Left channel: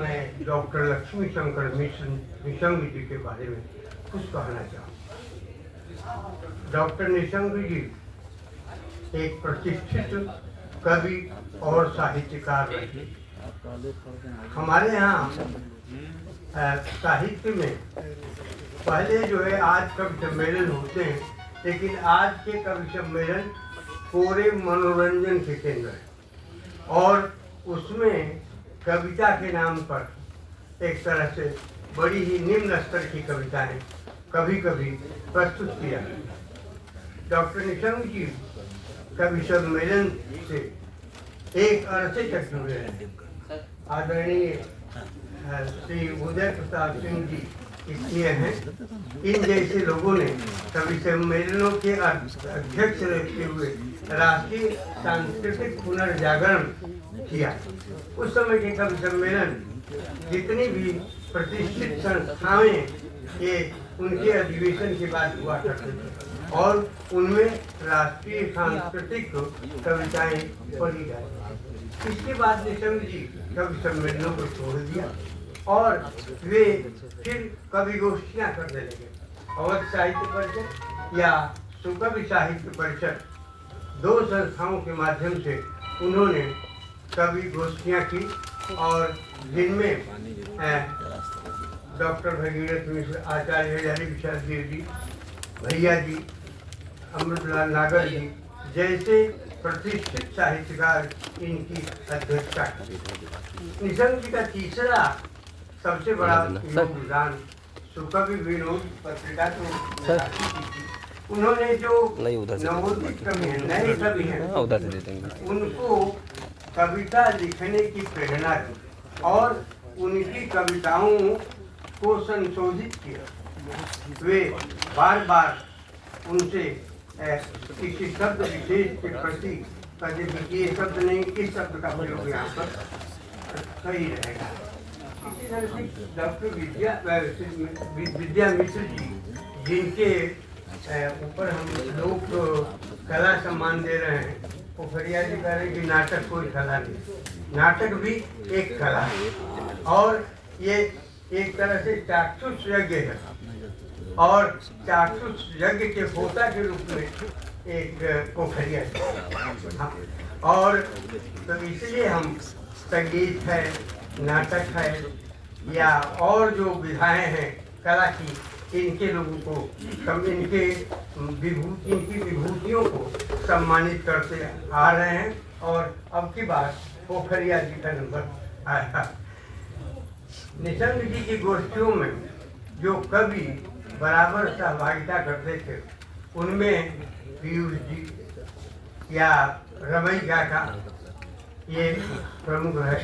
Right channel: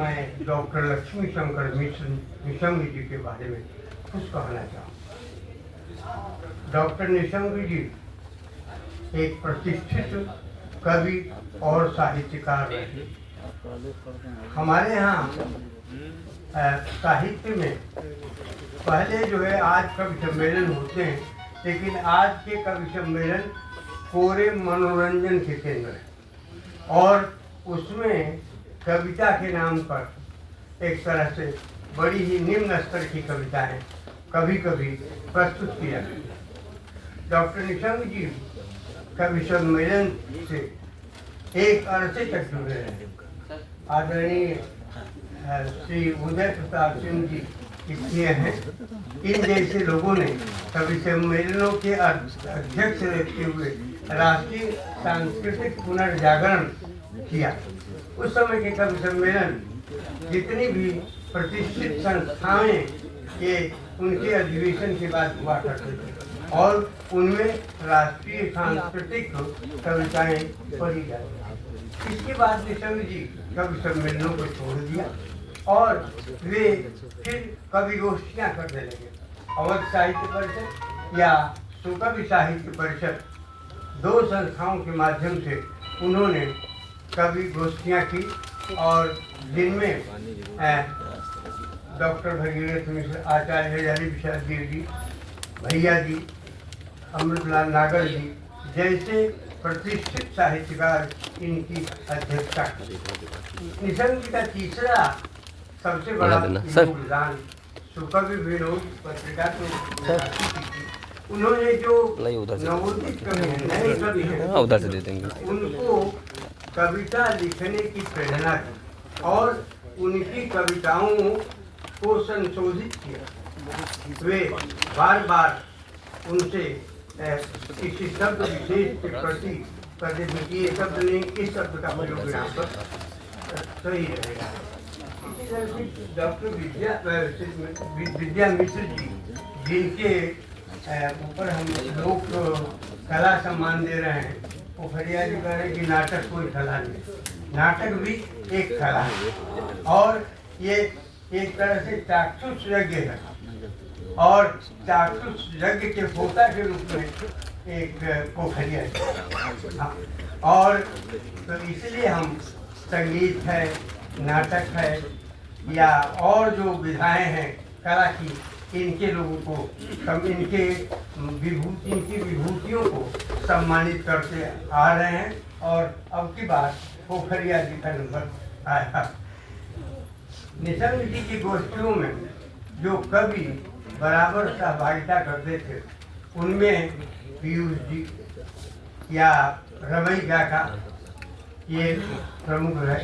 मैं डॉक्टर लक्ष्मी शंकर मिश्र निशंग जी के बारे में कुछ कहना चाहूँ। डॉक्टर निशंग जी एक प्रतिष्ठित कवि और साहित्यकार रहे। हमारे यहाँ साहित्य में पहले जो है आज कवि सम्मेलन होते हैं, लेकिन आज के कवि सम्मेलन पूरे मनोरंजन के केंद्र है और उसमें कविता के नाम पर एक तरह से बड़ी ही निम्न स्तर की कविताएं कभी कभी प्रस्तुत किया। डॉक्टर निशंग जी कवि सम्मेलन से एक अरसे तक जुड़े रहे। आदरणीय श्री उदय प्रताप सिंह जी किए हैं। इन जैसे लोगों ने कवि सम्मेलनों के अध्यक्ष रहते हुए राष्ट्रीय सांस्कृतिक पुनर्जागरण किया। उस समय के कवि सम्मेलन जितनी भी प्रतिष्ठित संस्थाएं के उनके अधिवेशन के बाद हुआ करते थे और उनमें राष्ट्रीय सांस्कृतिक कविताएं पढ़ी गई। इसके बाद निशंग जी कवि सम्मेलनों को छोड़ दिया और वे फिर कवि गोष्ठियाँ करने लगे। अवध साहित्य परिषद या सुकवि साहित्य परिषद, दो संस्थाओं के माध्यम से उन्होंने कवि गोष्ठियाँ की और जिनमें डॉक्टर भगीरथ मिश्र, आचार्य हजारी प्रसाद देव जी, भैया जी, अमृतलाल नागर जी जैसे प्रतिष्ठित साहित्यकार इनकी अध्यक्षता की। निशंग जी का तीसरा सबसे बड़ा योगदान सुकवि विनोद पत्रिका को उन्होंने जो नवोदित कवि हैं, नए कवि हैं, उनको कविता लिखने की प्रेरणा दी और उनकी कविताओं को संशोधित किया। वे बार बार उनसे किसी शब्द विशेष के प्रति ये शब्द नहीं, किस शब्द का प्रयोग यहाँ पर सही रहेगा। इसी तरह से डॉक्टर विद्या मिश्र जी, जिनके ऊपर हम लोग कला सम्मान दे रहे हैं, पोखरिया जी कह रहे कि नाटक कोई कला नहीं, नाटक भी एक कला है और ये एक तरह से चाक्षुष यज्ञ है और चाक्षुष यज्ञ के होता के रूप में एक पोखरिया है। और तो इसलिए हम संगीत है, नाटक है या और जो विधाएं हैं कला की, इनके लोगों को इनकी विभूतियों को सम्मानित करते आ रहे हैं और अब की बार पोखरिया जी का नंबर आया। निशंग जी की गोष्ठियों में जो कवि बराबर सहभागिता करते थे उनमें पीयूष जी या रमई काका ये प्रमुख है।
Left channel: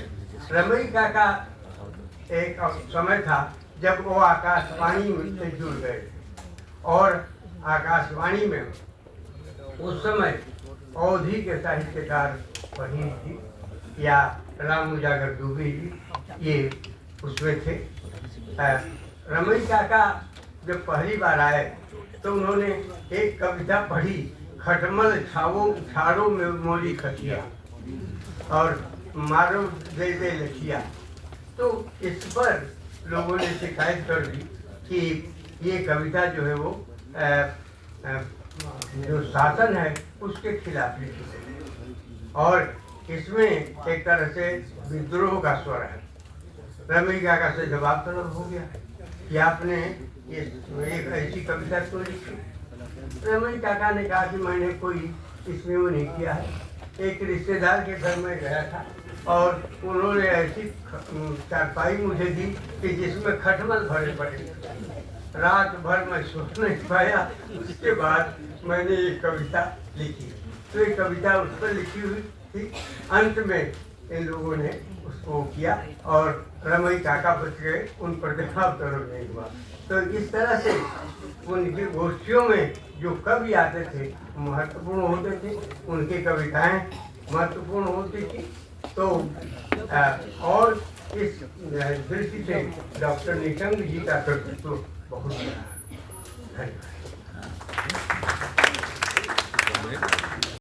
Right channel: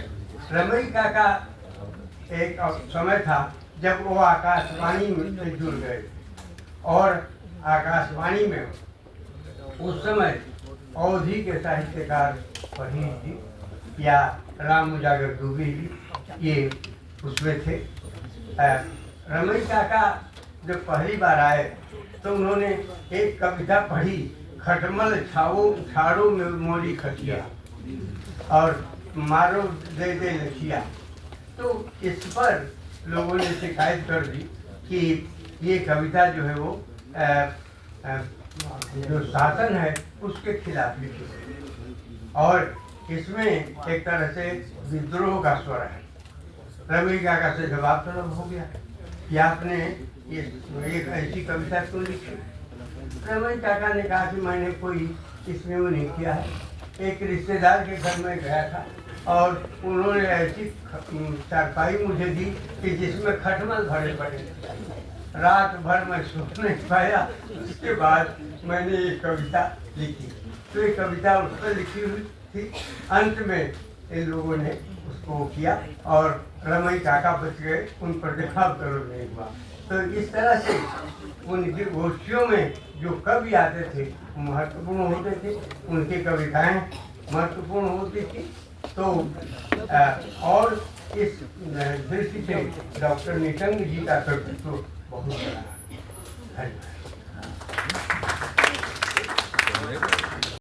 रमई काका एक समय था जब वो आकाशवाणी से जुड़ गए और आकाशवाणी में उस समय अवधि के साहित्यकार फहीम जी या राम उजागर दुबे जी ये उसमें थे। रमई काका जब पहली बार आए तो उन्होंने एक कविता पढ़ी, खटमल छाड़ो में मोरी खटिया और मारो दे दे लखिया। तो इस पर लोगों ने शिकायत कर दी कि ये कविता जो है वो जो शासन है उसके खिलाफ लिखी गई और इसमें एक तरह से विद्रोह का स्वर है। रमई काका से जवाब तलब हो गया कि आपने एक ऐसी कविता क्यों लिखी। रमई काका ने कहा कि मैंने कोई इसमें वो नहीं किया है। एक रिश्तेदार के घर में गया था और उन्होंने ऐसी चारपाई मुझे दी कि जिसमें खटमल भरे पड़े। रात भर मैं सो नहीं पाया। उसके बाद मैंने ये कविता लिखी। तो ये कविता उस पर लिखी हुई थी। अंत में इन लोगों ने उसको किया और रमई काका बच गए, उन पर जवाब तलब नहीं हुआ। तो इस तरह से उनकी गोष्ठियों में जो कवि आते थे महत्वपूर्ण होते थे, उनकी कविताएं महत्वपूर्ण होती थी। तो और इस दृष्टि से डॉक्टर निशंग जी का कर्तृत्व बहुत बड़ा है।